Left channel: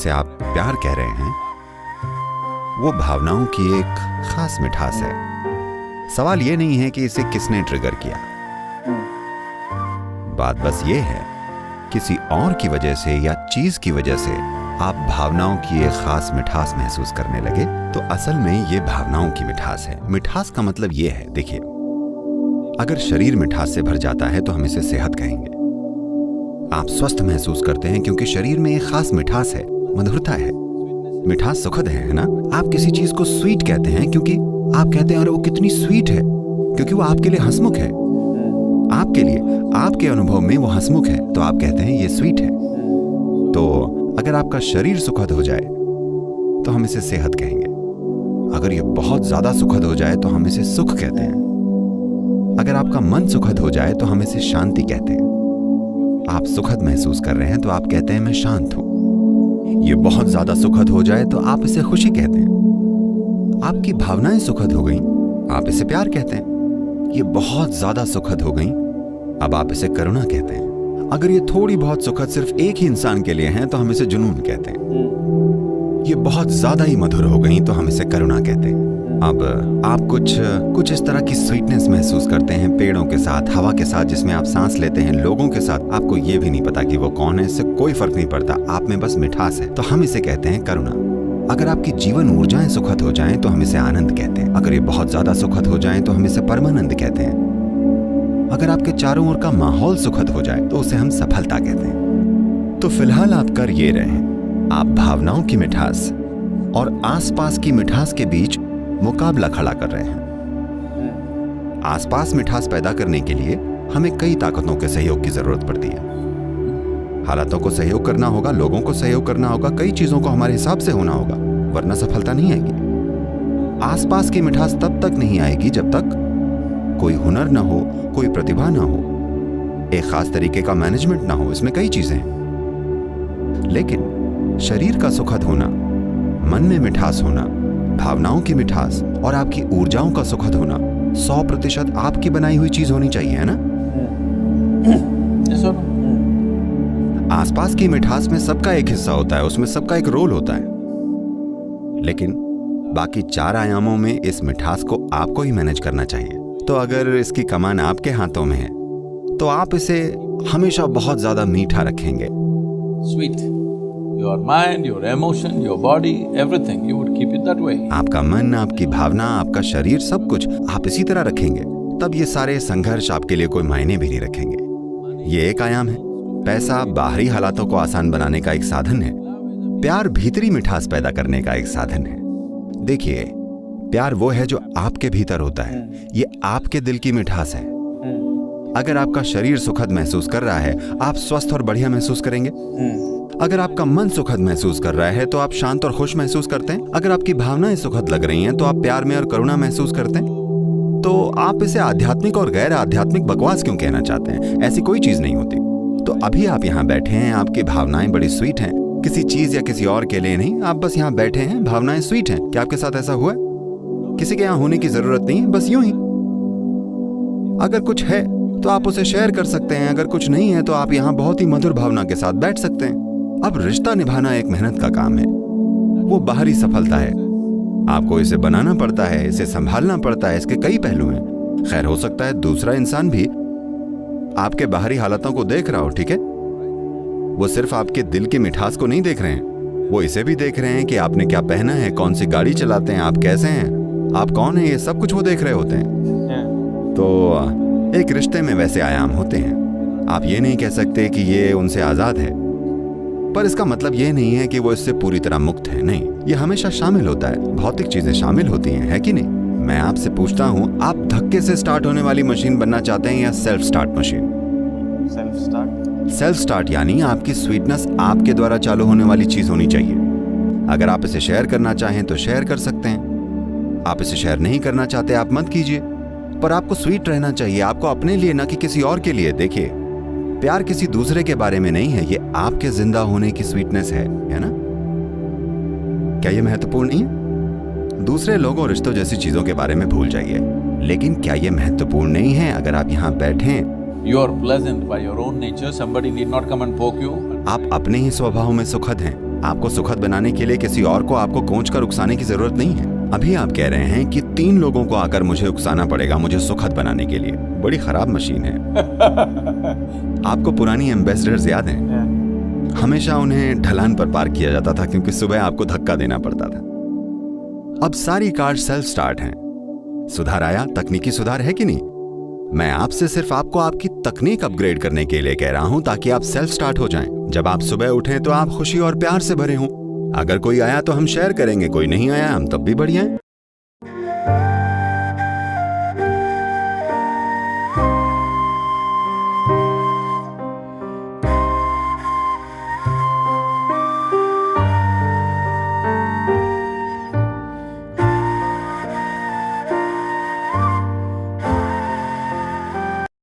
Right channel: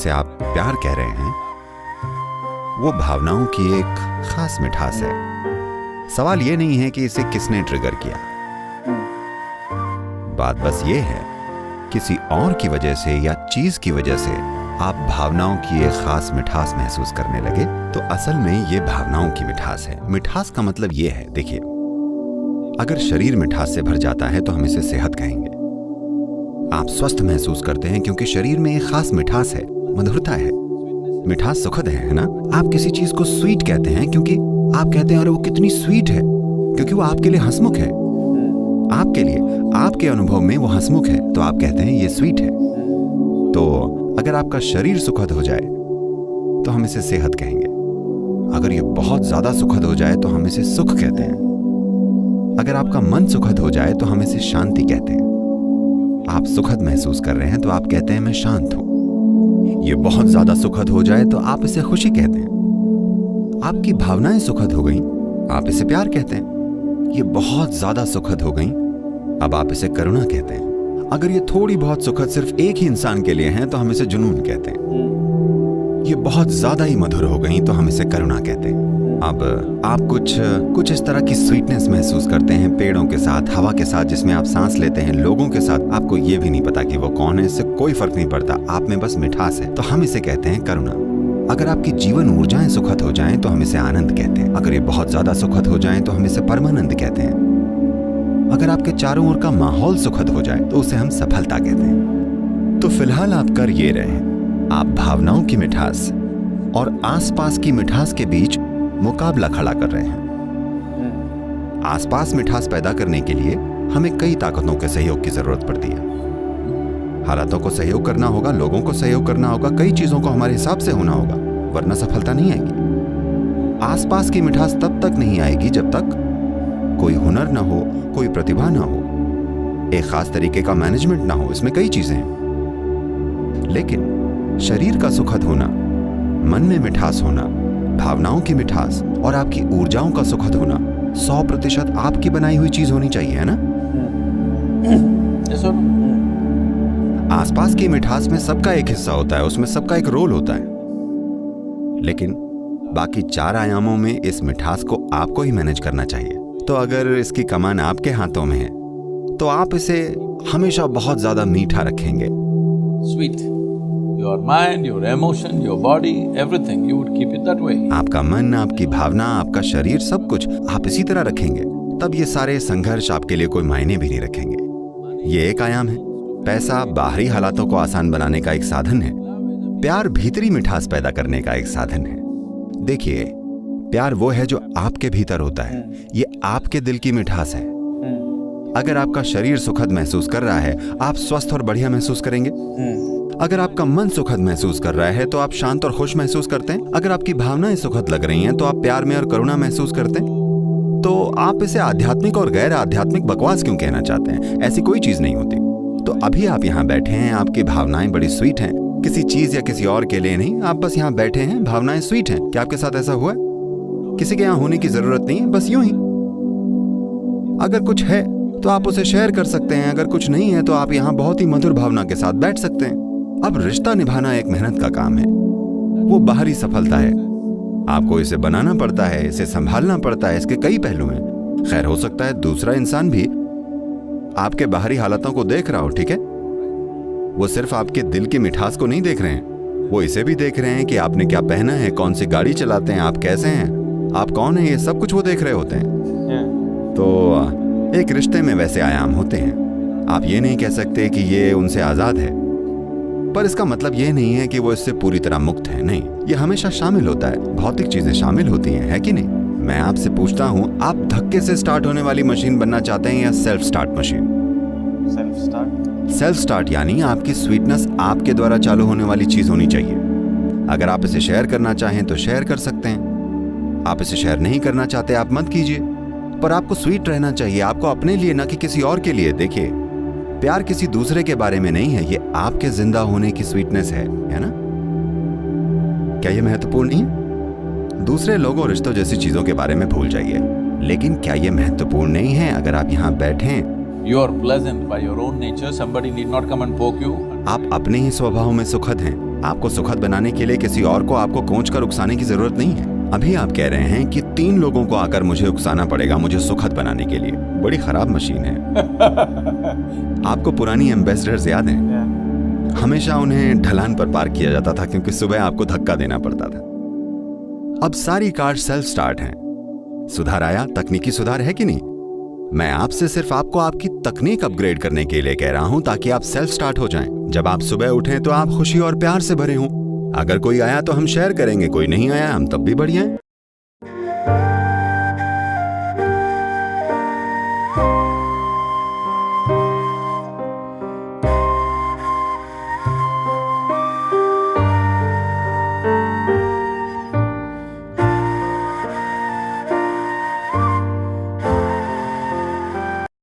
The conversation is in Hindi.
जिसे आप प्यार कह रहे हैं, वो भावनाओं की एक खास मिठास है। सवाल ये नहीं है कि इसे किसने ट्रिगर किया, बात बस ये है किसी और की वजह से या चीज की वजह से आप भावनाओं की एक खास मिठास महसूस करने लगे तो असल में ये भावनाओं की मिठास है। मिठास का मतलब ये है, देखिए, अगर शरीर मिठास से भर जाता है तो हम इसे सेहत कहेंगे। आप स्वस्थ महसूस करते हैं क्योंकि शरीर में एक खास मिठास है, मधुरता है। मिठास सुखद है ना? आप किसी चीज को स्वीट कहते हैं क्योंकि आप कहते हैं अरे वो कितनी स्वीट है, क्योंकि वो आपके लिए हंसमुख है। आपके लिए, आपके अनुभव में वो हंसमुख है तो आप कहते हैं ये स्वीट है। तो अगर आपका शरीर सुखद हो जाए तो हम इसे सेहत कहेंगे। अगर ये बहुत ज्यादा सुखद हो जाए तो हम इसे सुख कहते हैं। अगर आपका मन सुखद हो जाए तो हम इसे शांति कहते हैं। आप सुखद महसूस कर रहे हैं तो आप कहते हैं मैं शांत हूं। ये बहुत ज्यादा सुखद हो जाए तो आप इसे खुशी कहते हैं। आपकी भावनाएं सुखद हो गईं, आप इसे प्यार कहते हैं। ये बहुत ज्यादा सुखद हो गईं, अब आप इसे करुणा कहते हैं। अगर ये थोड़ी बहुत सुखद सिर्फ एक ही इंसान के लिए हैं तो हम इसे जुनून कहते हैं। ये बहुत ज्यादा ही मधुर हो गईं तो हम इसे करुणा कहते हैं। अब आप कुछ इस तरह की स्वीटनेस महसूस करते हैं पेड़ों के साथ, हवा के साथ जिसमें आप सांस लेते हैं, लोगों के साथ। आपको ये भी नहीं पता कि वो कौन है, इससे कोई फर्क नहीं पड़ता, आप में बस मिठास है, तो हम इसे कहते हैं करुणा। अगर आपकी जीवन ऊर्जाएं सुखद हो जाएं तो हम इसे आनंद कहते हैं। अगर ये बहुत ज्यादा सुखद हो जाएं तो हम इसे परमानंद कहते हैं। अगर आपके चारों ओर का माहौल सुखद हो जाए तो उसे हम सफलता कहते हैं। तो फिलहाल आप कर ये रहे हैं, आप भावनाओं की मिठास और आसपास की मिठास के बीच मुकाबला खड़ा कर रहे हैं। आसपास मिठास पैदा करने के लिए हमें कई ताकतों के सहयोग की जरूरत पड़ती है। हालातों को सहयोग करना होगा, लोगों को सहयोग करना होगा, कई चीजों को हमारे हिसाब से होना होगा, वरना सफलता नहीं आएगी। आसपास की मिठास तब तक नहीं आएगी जब तक कोई हुनर ना हो, कोई प्रतिभा ना हो, एक खास तरीके का मैनेजमेंट ना हो। इसमें कई चीजें हैं, लेकिन शरीर का सुखद होना, मन में मिठास होना, भावनाओं की मिठास और आपकी ऊर्जाओं का सुखद होना 100% आपकी बनाई हुई चीज होनी चाहिए, है ना? आसपास की मिठास में सबका एक हिस्सा होता है, उसमें सबका एक रोल होता है, लेकिन बाकी 4 आयामों में इस मिठास को आपको ही मैनेज करना चाहिए। तो अगर इसकी कमान आपके हाथों में है तो आप इसे हमेशा बहुत ज्यादा मीठा रखेंगे। Sweet. Your mind, your emotion, your body, everything, you would keep it that way. आपका मन, आपकी भावना, आपका शरीर, सब कुछ आप इसी तरह रखेंगे, तब ये सारे संघर्ष आपके लिए कोई मायने भी नहीं रखेंगे। ये एक आयाम है। पैसा बाहरी हालातों को आसान बनाने का एक साधन है, प्यार भीतरी मिठास पैदा करने का एक साधन है। देखिए, प्यार वो है जो आपके भीतर होता है, ये आपके दिल की मिठास है। अगर आपका शरीर सुखद महसूस कर रहा है, आप स्वस्थ और बढ़िया महसूस करेंगे। अगर आपका मन सुखद महसूस कर रहा है तो आप शांत और खुश महसूस करते हैं। अगर आपकी भावनाएं सुखद लग रही हैं तो आप प्यार में और करुणा महसूस करते हैं। तो आप इसे आध्यात्मिक और गैर आध्यात्मिक बकवास क्यों कहना चाहते हैं? ऐसी कोई चीज नहीं होती। तो अभी आप यहाँ बैठे हैं, आपकी भावनाएं बड़ी स्वीट हैं, किसी चीज या किसी और के लिए नहीं, आप बस यहाँ बैठे हैं, भावनाएं स्वीट हैं। क्या आपके साथ ऐसा हुआ है? किसी के यहाँ होने की जरूरत नहीं है, बस यूं ही। अगर कुछ है तो आप उसे शेयर कर सकते हैं, अगर कुछ नहीं है तो आप यहाँ बहुत ही मधुर भावना के साथ बैठ सकते हैं। अब रिश्ता निभाना एक मेहनत का काम है, वो बाहरी सफलता है। आपको इसे बनाना पड़ता है, इसे संभालना पड़ता है, इसके कई पहलू हैं। खैर, हो सकता है दूसरा इंसान भी आपके बाहरी हालातों को देख रहा हो, ठीक है? वो सिर्फ आपके दिल की मिठास को नहीं देख रहे हैं, वो इसे भी देख रहे हैं कि आपने क्या पहना है, कौन सी गाड़ी चलाते हैं, आप कैसे हैं, आप कौन हैं, ये सब कुछ वो देख रहे होते हैं। तो एक रिश्ते में वैसे आयाम होते हैं। आप ये नहीं कह सकते कि ये उनसे आजाद है, पर इसका मतलब ये नहीं है कि वो इससे पूरी तरह मुक्त है। नहीं, ये हमेशा शामिल होता है, भौतिक चीजें शामिल होती हैं, है कि नहीं? मैं आपसे पूछता हूं, आप धक्के से स्टार्ट होने वाली मशीन बनना चाहते हैं या self start machine? Self start यानी आपकी स्वीटनेस आपके द्वारा चालू होने वाली चीज होनी चाहिए। अगर आप इसे शेयर करना चाहें तो शेयर कर सकते हैं, आप इसे शेयर नहीं करना चाहते आप मत कीजिए, पर आपको स्वीट रहना चाहिए, आपको अपने लिए ना कि किसी और के लिए। देखिए, प्यार किसी दूसरे के बारे में नहीं है, ये आपके जिंदा होने की स्वीटनेस है ना? क्या ये महत्वपूर्ण नहीं है? दूसरे लोगों, रिश्तों जैसी चीजों के बारे में भूल जाइए, लेकिन क्या ये महत्वपूर्ण नहीं है? अगर आप यहाँ बैठे, You are pleasant by your own nature. Somebody need not come and poke you. आप अपने ही स्वभाव में सुखद हैं, आपको सुखद बनाने के लिए किसी और को आपको कोंच कर उकसाने की जरूरत नहीं है। अभी आप कह रहे हैं कि 3 लोगों को आकर मुझे उकसाना पड़ेगा मुझे सुखद बनाने के लिए। बड़ी खराब मशीन है। आपको पुरानी एम्बेसडर्स याद हैं? हमेशा उन्हें ढलान पर पार्क किया जाता था क्योंकि सुबह आपको धक्का देना पड़ता था। अब सारी कार सेल्फ स्टार्ट हैं। सुधार आया, तकनीकी सुधार है कि नहीं? मैं आपसे सिर्फ आपको आपकी तकनीक अपग्रेड करने के लिए कह रहा हूं ताकि आप सेल्फ स्टार्ट हो जाएं। जब आप सुबह उठें तो आप खुशी और प्यार से भरे हों। अगर कोई आया तो हम शेयर करेंगे, कोई नहीं आया हम तब भी बढ़िया हैं।